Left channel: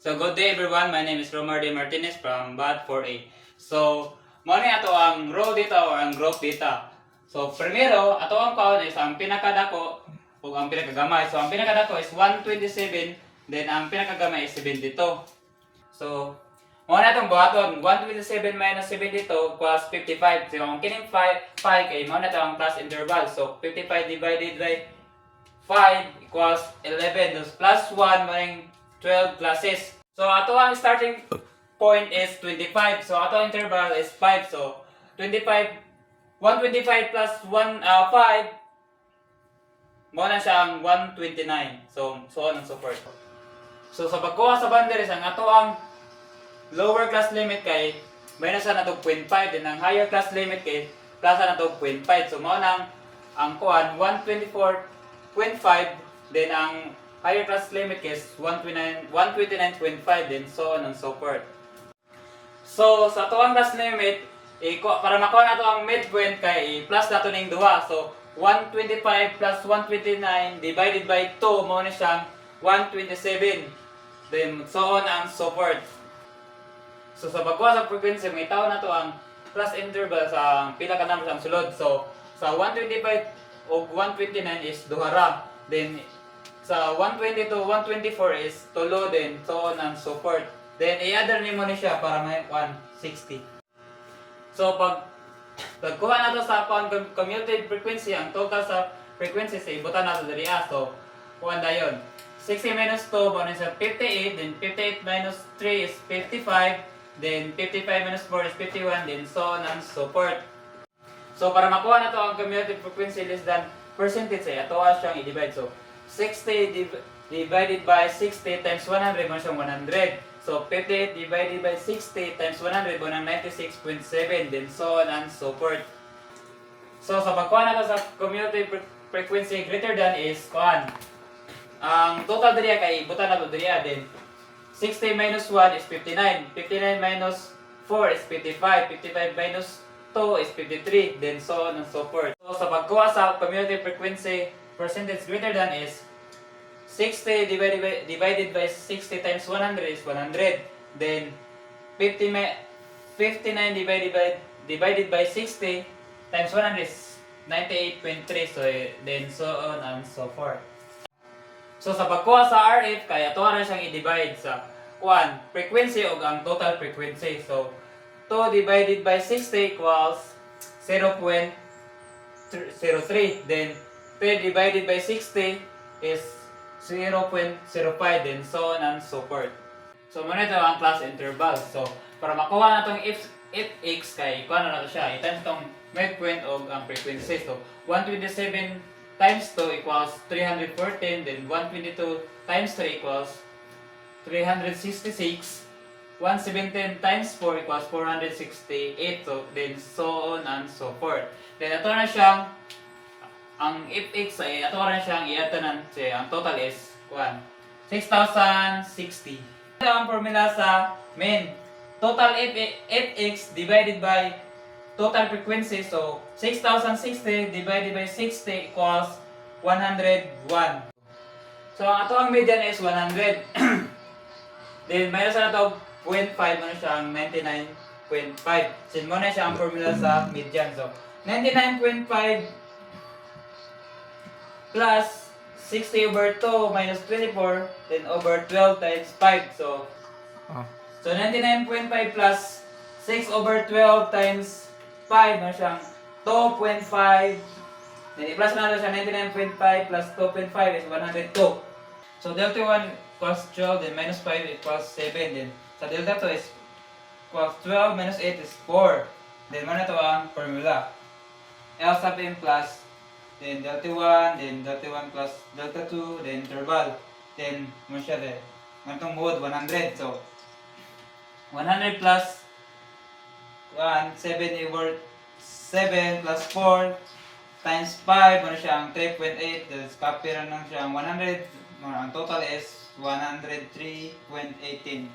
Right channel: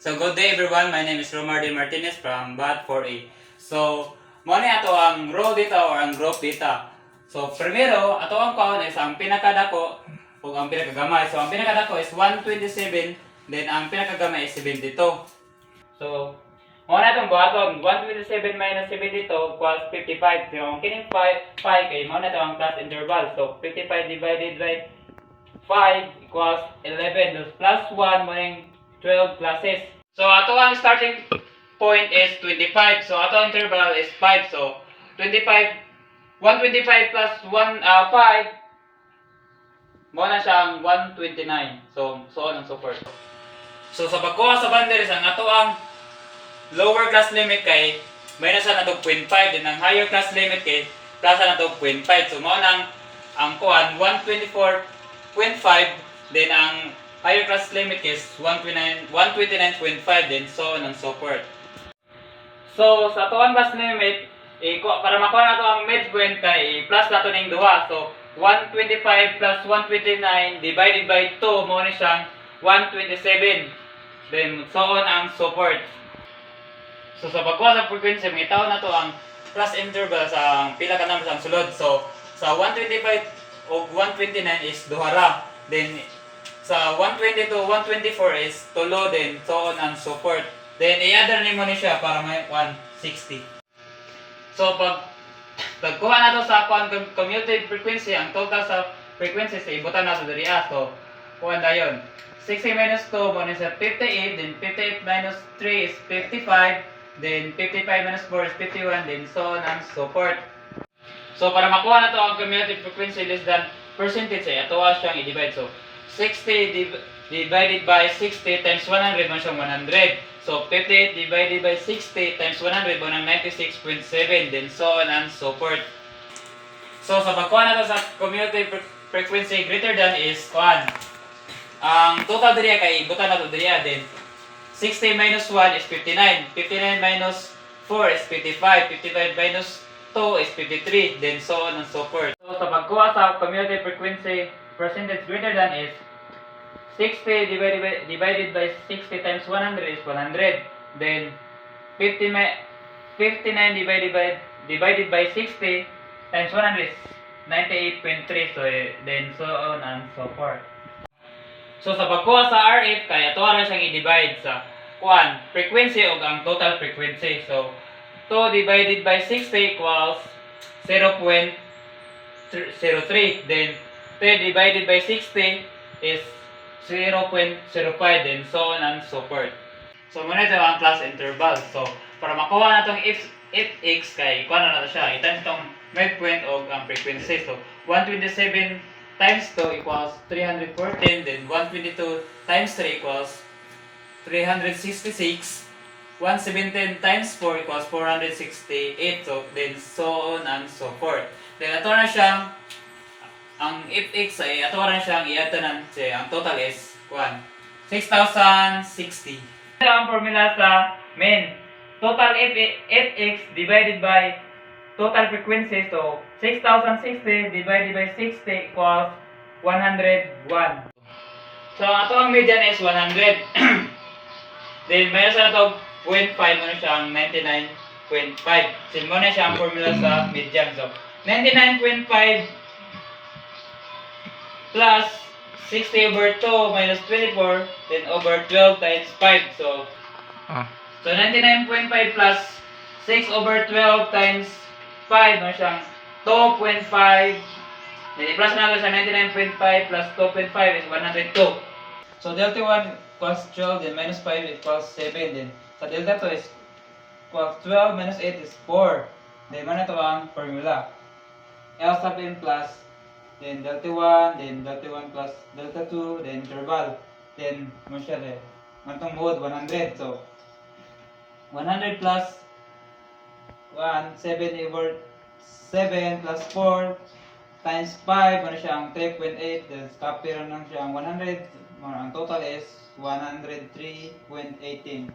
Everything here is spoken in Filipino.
So good day everyone, my name is Romar D. Martinez from BAT 4A. So, muna ato ang row data or ang group data. So, primero, ato ang kaon is ang pinakadako o ang pinakagamay. So, ang pinakadako is 127, then ang pinakagamay is 72. So, muna itong buhaton, 127 minus 72 equals 55. So, ang kining 5 kay muna ito ang class interval. So, 55 divided by 5 equals 11. Thus, plus 1 maring 12 classes. So, ato ang starting point is 25. So, ato ang interval is 5. So, 125 plus 5, mo na siya ang 129. So on and so forth. So, sa pagkuha sa boundaries, ang ato ang lower class limit kay minus na to 0.5. Then, ang higher class limit kay plus na to 0.5. So, mo na ang kuhan 124.5. Then, ang higher class limit is 129.5 din, so on and so forth. So, sa tuwang class limit, para makuha na ito ang midpoint kay plus na ito ng duha. So, 125 plus 129 divided by 2, mo na siyang 127. Then, so on and so forth. So, sa pagkuha sa frequency, may tao na ito ang plus interval sa pila ka numbers ang sulod. So, sa 125 o 129 is duhara. Then, sa 120 to 124 is tulo din, so on and so forth. Then, i-other nimo ni siya para may 160. So, pagkuha na to sa commutative frequency, ang total sa frequency sa ibutan na to diri. So, kuha na yun. 60 minus 2, bonus sa 58, then 58 minus 3 is 55, then 55 minus 4 is 51, then so on and so forth. So, para makuha na to ang commutative frequency less than percentage, ay atoa siyang i-divide. So, 60 divided by 60 times 100 man siyang 100. So, 58 divided by 60 times 100 mo ng 96.7. Then, so on and so forth. So, sa pagkuha na to sa commutative frequency greater than is kuhan. Ang total diriya kay ibutan na to diriya. Then, 60 minus 1 is 59. 59 minus 4 is 55. 55 minus 2 is 53. Then, so on and so forth. So, sa pagkuha sa commutative frequency percentage greater than is 60 divided by 60 times 100 is 100. Then 59 divided by 60 times 100 is 98.3. So then so on and so forth. So sa pagkuha sa RF kaya ato ra siyang i-divide sa kuan frequency o ang total frequency. So 2 divided by 60 equals 0.03. Then 3 divided by 60 is 0.05 din, so on and so forth. So, muna ito ang class interval. So, para makuha na itong fx kay, kuha na natin siya. I-times itong midpoint o ang frequency. So, 127 times 2 equals 314. Then, 122 times 3 equals 366. 117 times 4 equals 468. So, then, so on and so forth. Then, ito na siyang ang fx ay ato rin siyang i-atanan siya. Ang total is 6,060. Ang formula sa main. Total fx divided by total frequency. So, 6,060 divided by 60 equals 101. So, ato ang median is 100. Then, mayroon sa ito 0.5 mo na siyang 99.5. Sin mo na siya ang formula sa median. So, 99.5 plus 60 over 2 minus 24, then over 12 times 5. So 99.5 plus 6 over 12 times 5, no siyang 2.5. Then i-plus natin sa 99.5 plus 2.5 is 102. So delta 1 equals 12, then minus 5 equals 7. Then sa delta 2 is equals 12 minus 8 is 4. Then mana ito ang formula. L sub n plus then delta 1, then delta 1 plus delta 2, then interval. Then, mo siya din. Mantong mode, 100. So, 100 plus 1, 7 over 7 plus 4 times 5, ano siya ang 3.8. Then, copy lang siya ang 100. Ang total is 103.18.